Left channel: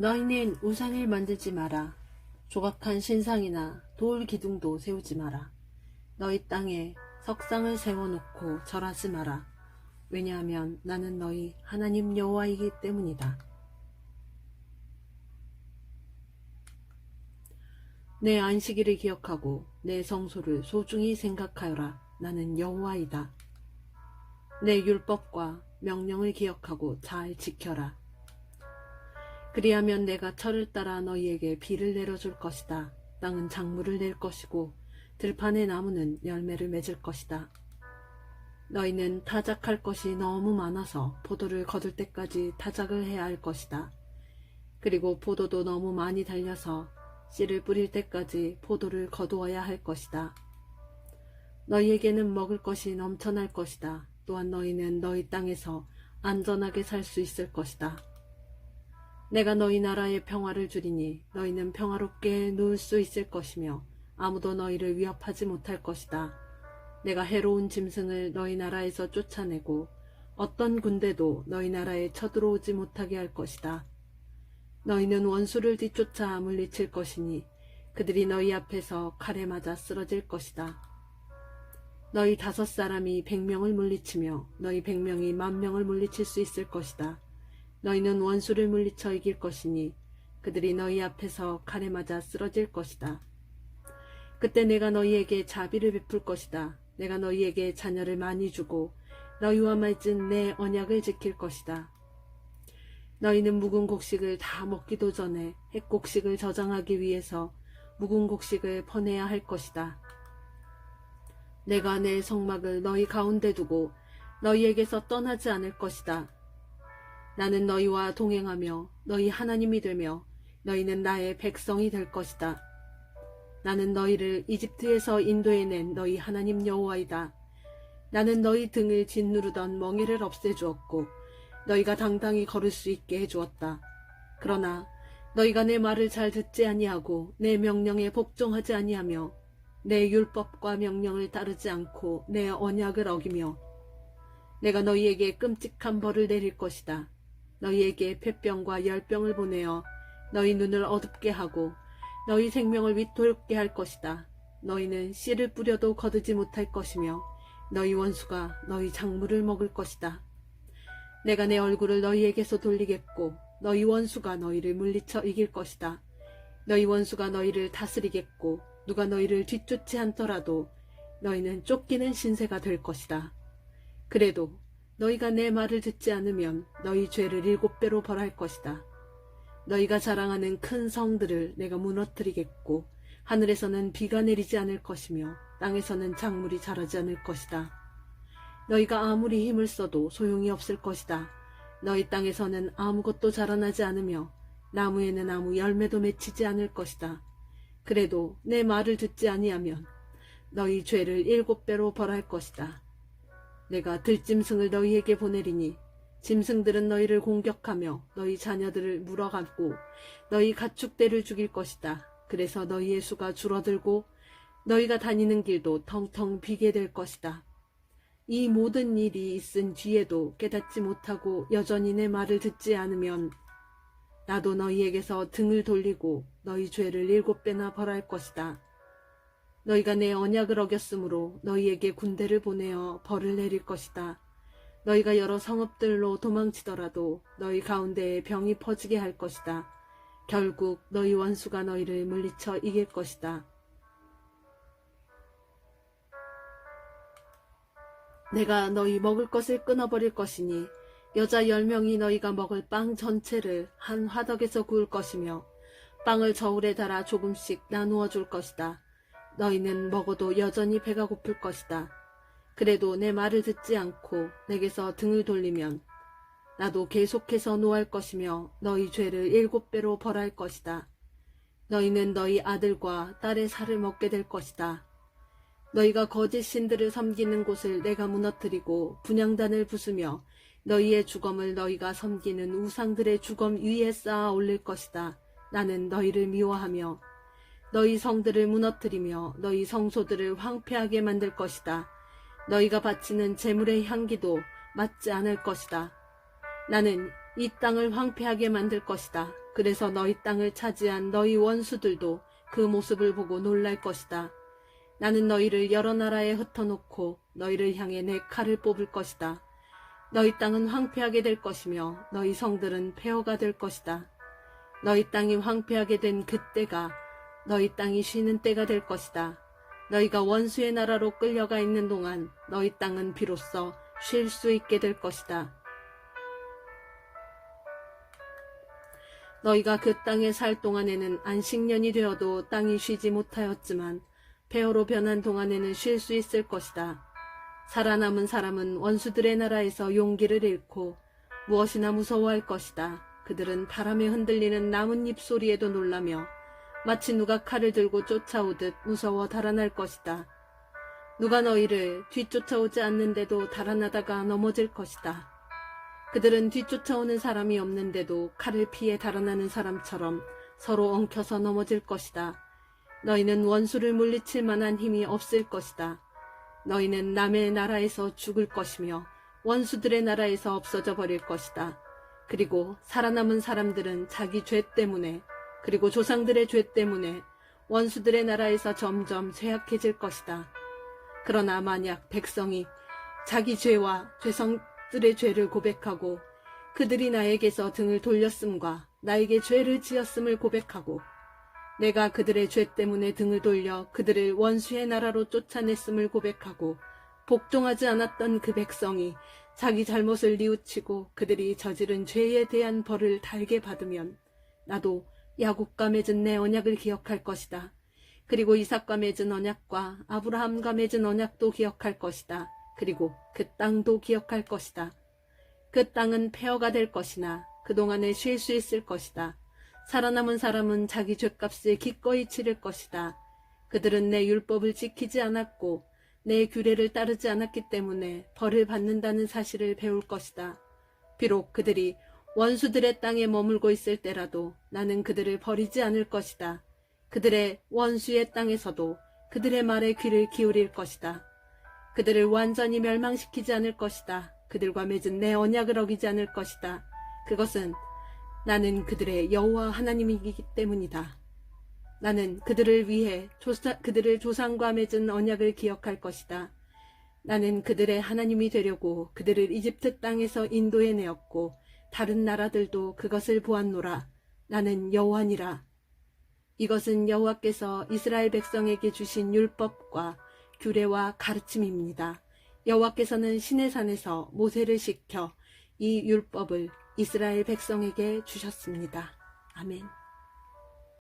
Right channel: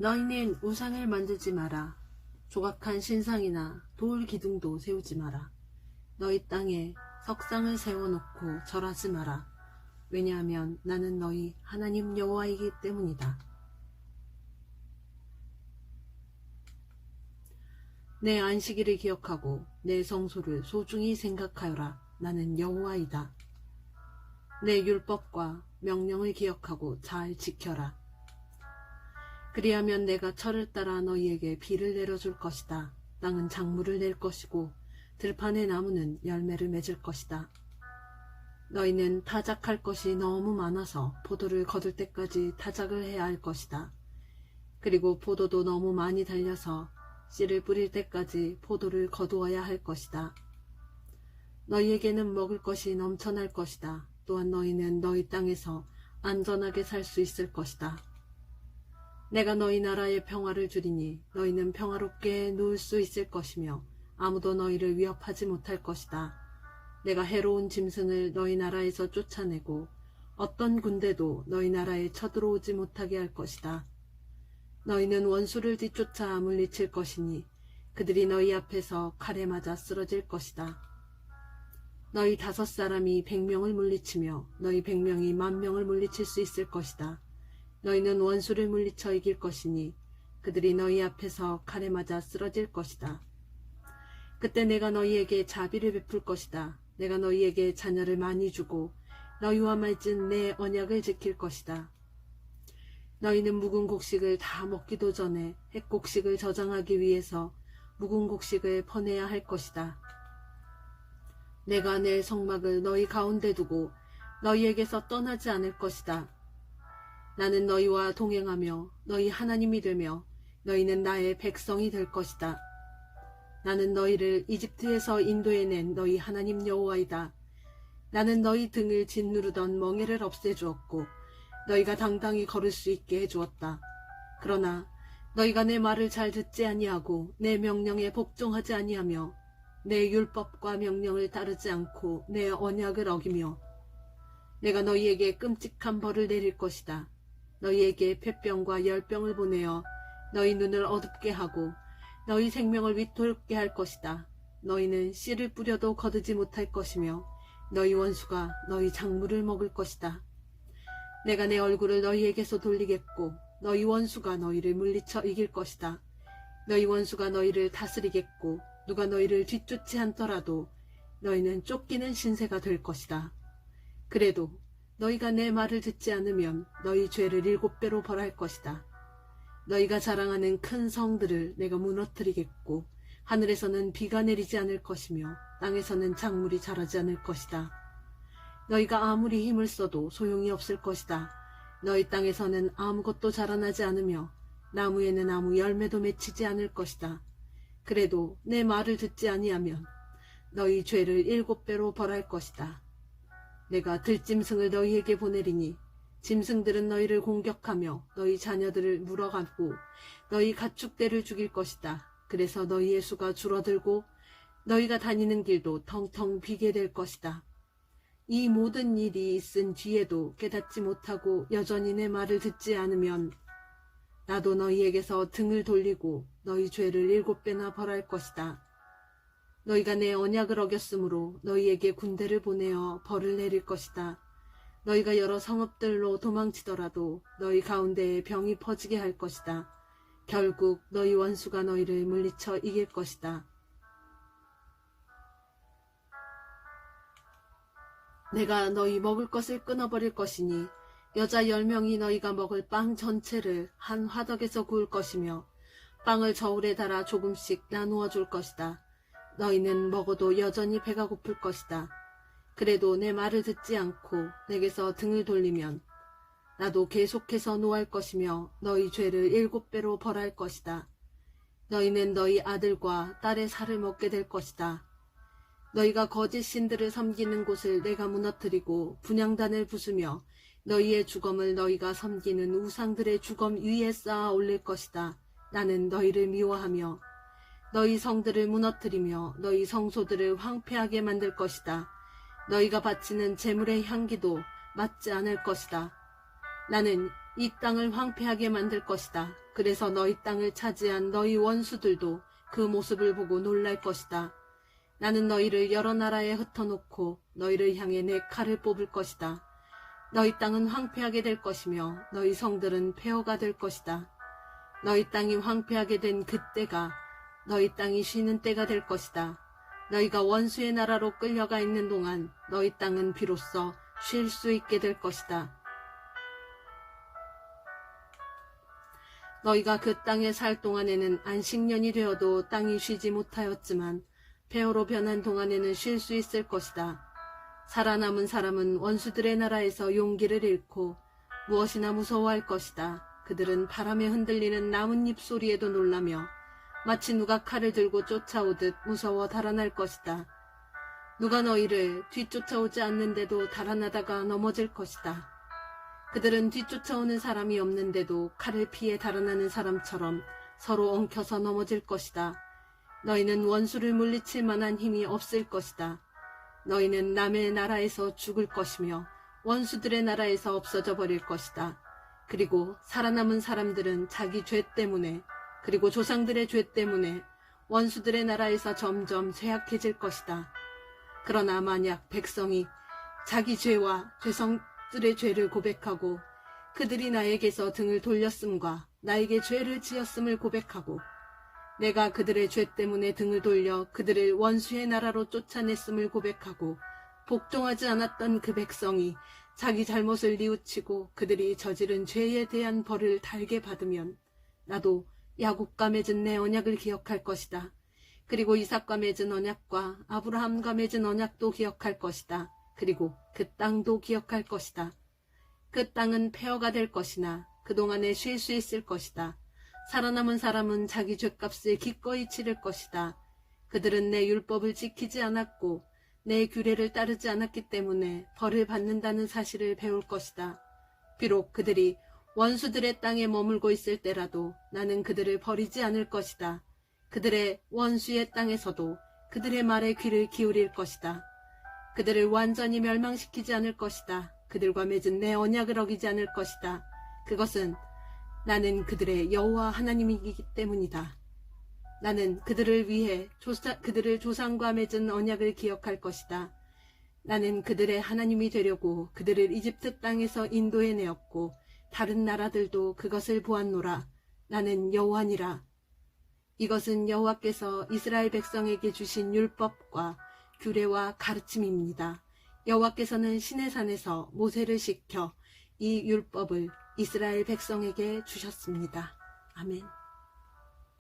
너희는 우상을 만들지 마라. 조각한 신상이나 돌 기둥도 세우지 마라. 너희 땅에 석상을 세워놓고 절하지 마라. 왜냐하면 나는 너희 하나님 여호와이기 때문이다. 내 안식일을 기억하고 내 성소를 소중히 생각하여라. 나는 여호와이다. 내 율법과 명령을 기억하고 잘 지켜라. 그리하면 내가 철을 따라 너희에게 비를 내려줄 것이다. 땅은 작물을 낼 것이고 들판의 나무는 열매를 맺을 것이다. 너희는 타작할 것이 너무 많아서 포도를 거둘 때까지 타작을 해야 할 것이다. 그리고 포도도 너무 많이 달려서 씨를 뿌릴 때까지 포도를 거두어야 할 것이다. 너희에게는 먹을 것이 넘쳐날 것이다. 또한 너희는 너희 땅에서 안전하게 살 수 있을 것이다. 내가 너희 나라에 평화를 주리니 너희는 평화롭게 누울 수 있을 것이며 아무도 너희를 위협하지 못할 것이다. 내가 해로운 짐승을 너희 나라에서 쫓아내고 어떤 군대도 너희 나라에 쳐들어오지 못하게 할 것이다. 너희는 원수를 뒤쫓아 물리칠 것이니 그들이 너희 앞에서 칼에 맞아 쓰러질 것이다. 너희 5사람이 100명을 물리치며 너희 100명이 10,000명을 물리칠 수 있을 것이다. 너희는 원수를 물리쳐 이길 것이니 그들이 너희 앞에서 칼에 맞아 쓰러질 것이다. 그때 내가 너희에게 자비를 베풀 것이다. 내가 너희에게 자녀를 많이 주고 너희와 맺은 내 언약을 지킬 것이다. 너희는 묵은 곡식을 다 먹기도 전에 햇곡식을 저장하기 위해서 묵은 곡식을 퍼내야 할 것이다. 내가 내 성막을 너희 가운데 두고 너희에게서 떠나지 않을 것이다. 나는 너희와 동행하며 너희 하나님이 되며 너희는 나의 백성이 될 것이다. 나는 너희를 이집트에서 인도해낸 너희 하나님 여호와이다. 나는 너희 등을 짓누르던 멍에를 없애주었고 너희가 당당히 걸을 수 있게 해주었다. 그러나 너희가 내 말을 잘 듣지 아니하고 내 명령에 복종하지 아니하며 내 율법과 명령을 따르지 않고 내 언약을 어기며 내가 너희에게 끔찍한 벌을 내릴 것이다. 너희에게 폐병과 열병을 보내어 너희 눈을 어둡게 하고 너희 생명을 위태롭게 할 것이다. 너희는 씨를 뿌려도 거두지 못할 것이며 너희 원수가 너희 작물을 먹을 것이다. 내가 내 얼굴을 너희에게서 돌리겠고 너희 원수가 너희를 물리쳐 이길 것이다. 너희 원수가 너희를 다스리겠고 누가 너희를 뒤쫓지 않더라도 너희는 쫓기는 신세가 될 것이다. 그래도 너희가 내 말을 듣지 않으면 너희 죄를 7배로 벌할 것이다. 너희가 자랑하는 큰 성들을 내가 무너뜨리겠고 하늘에서는 비가 내리지 않을 것이며 땅에서는 작물이 자라지 않을 것이다. 너희가 아무리 힘을 써도 소용이 없을 것이다. 너희 땅에서는 아무것도 자라나지 않으며 나무에는 아무 열매도 맺히지 않을 것이다. 그래도 내 말을 듣지 아니하면 너희 죄를 7배로 벌할 것이다. 내가 들짐승을 너희에게 보내리니 짐승들은 너희를 공격하며 너희 자녀들을 물어가고 너희 가축대를 죽일 것이다. 그래서 너희의 수가 줄어들고 너희가 다니는 길도 텅텅 비게 될 것이다. 이 모든 일이 있은 뒤에도 깨닫지 못하고 여전히 내 말을 듣지 않으면 나도 너희에게서 등을 돌리고 너희 죄를 7배나 벌할 것이다. 너희가 내 언약을 어겼으므로 너희에게 군대를 보내어 벌을 내릴 것이다. 너희가 여러 성읍들로 도망치더라도 너희 가운데에 병이 퍼지게 할 것이다. 결국 너희 원수가 너희를 물리쳐 이길 것이다. 내가 너희 먹을 것을 끊어버릴 것이니 여자 10명이 너희가 먹을 빵 전체를 한 화덕에서 구울 것이며 빵을 저울에 달아 조금씩 나누어 줄 것이다. 너희는 먹어도 여전히 배가 고플 것이다. 그래도 내 말을 듣지 않고 내게서 등을 돌리면 나도 계속해서 노할 것이며 너희 죄를 7배로 벌할 것이다. 너희는 너희 아들과 딸의 살을 먹게 될 것이다. 너희가 거짓 신들을 섬기는 곳을 내가 무너뜨리고 분향단을 부수며 너희의 주검을 너희가 섬기는 우상들의 주검 위에 쌓아 올릴 것이다. 나는 너희를 미워하며 너희 성들을 무너뜨리며 너희 성소들을 황폐하게 만들 것이다. 너희가 바치는 제물의 향기도 맞지 않을 것이다. 나는 이 땅을 황폐하게 만들 것이다. 그래서 너희 땅을 차지한 너희 원수들도 그 모습을 보고 놀랄 것이다. 나는 너희를 여러 나라에 흩어놓고 너희를 향해 내 칼을 뽑을 것이다. 너희 땅은 황폐하게 될 것이며 너희 성들은 폐허가 될 것이다. 너희 땅이 황폐하게 된 그때가 너희 땅이 쉬는 때가 될 것이다. 너희가 원수의 나라로 끌려가 있는 동안 너희 땅은 비로소 쉴 수 있게 될 것이다. 너희가 그 땅에 살 동안에는 안식년이 되어도 땅이 쉬지 못하였지만 폐허로 변한 동안에는 쉴 수 있을 것이다. 살아남은 사람은 원수들의 나라에서 용기를 잃고 무엇이나 무서워할 것이다. 그들은 바람에 흔들리는 나뭇잎 소리에도 놀라며 마치 누가 칼을 들고 쫓아오듯 무서워 달아날 것이다. 누가 너희를 뒤쫓아오지 않는데도 달아나다가 넘어질 것이다. 그들은 뒤쫓아오는 사람이 없는데도 칼을 피해 달아나는 사람처럼 서로 엉켜서 넘어질 것이다. 너희는 원수를 물리칠 만한 힘이 없을 것이다. 너희는 남의 나라에서 죽을 것이며 원수들의 나라에서 없어져 버릴 것이다. 그리고 살아남은 사람들은 자기 죄 때문에 그리고 조상들의 죄 때문에 원수들의 나라에서 점점 쇠약해질 것이다. 그러나 만약 백성이 자기 죄와 조상들의 죄를 고백하고 그들이 나에게서 등을 돌렸음과 나에게 죄를 지었음을 고백하고 내가 그들의 죄 때문에 등을 돌려 그들을 원수의 나라로 쫓아냈음을 고백하고 복종하지 않았던 그 백성이 자기 잘못을 뉘우치고 그들이 저지른 죄에 대한 벌을 달게 받으면 나도 야곱과 맺은 내 언약을 기억할 것이다. 그리고 이삭과 맺은 언약과 아브라함과 맺은 언약도 기억할 것이다. 그리고 그 땅도 기억할 것이다. 그 땅은 폐허가 될 것이나 그동안에 쉴 수 있을 것이다. 살아남은 사람은 자기 죗값을 기꺼이 치를 것이다. 그들은 내 율법을 지키지 않았고 내 규례를 따르지 않았기 때문에 벌을 받는다는 사실을 배울 것이다. 비록 그들이 원수들의 땅에 머물고 있을 때라도 나는 그들을 버리지 않을 것이다. 그들의 원수의 땅에서도 그들의 말에 귀를 기울일 것이다. 그들을 완전히 멸망시키지 않을 것이다. 그들과 맺은 내 언약을 어기지 않을 것이다. 그것은 나는 그들의 여호와 하나님이기 때문이다. 나는 그들을 위해 그들을 조상과 맺은 언약을 기억할 것이다. 나는 그들의 하나님이 되려고 그들을 이집트 땅에서 인도해내었고 다른 나라들도 그것을 보았노라. 나는 여호와니라. 이것은 여호와께서 이스라엘 백성에게 주신 율법과 규례와 가르침입니다. 여호와께서는 시내산에서 모세를 시켜 이 율법을 이스라엘 백성에게 주셨습니다. 아멘.